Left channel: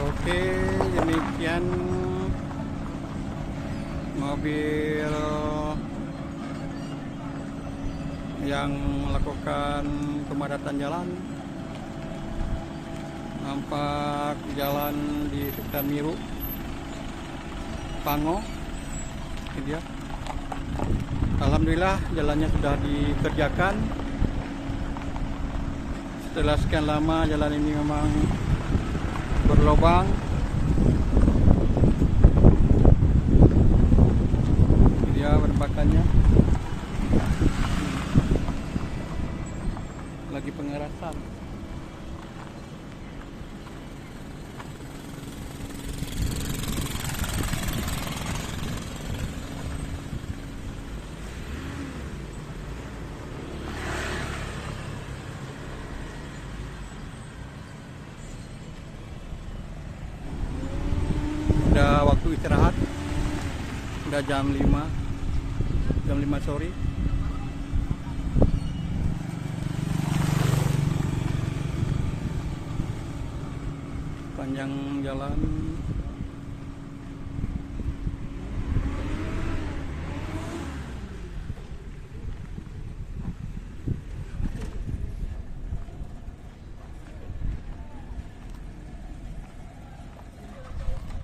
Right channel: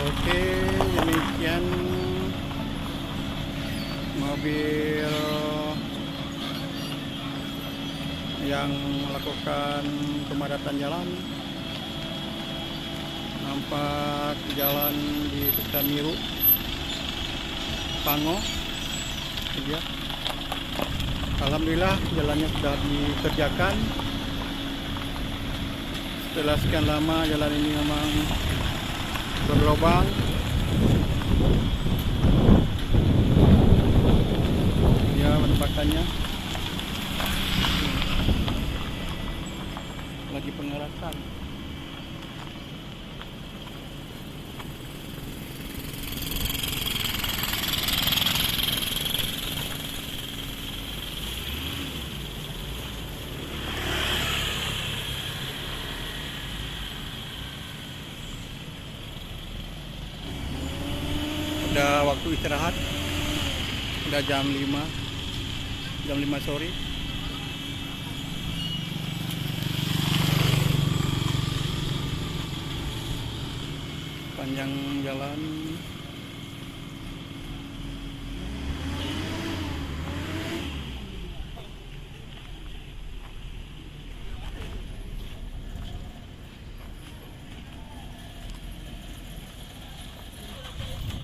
Oke, demikian mobil yang melakukan pemadatan jalan. Nampak jalan di sekitar Miru, Pango. Ini dia. Alhamdulillah jalannya sudah dikerjakan. Setelah sekian lama jalan ini memang berlubang. Ini dia penampakannya. Lagi pengerasan. Udah waktu istirahat, udah jam 5 sore. Panjang jalan.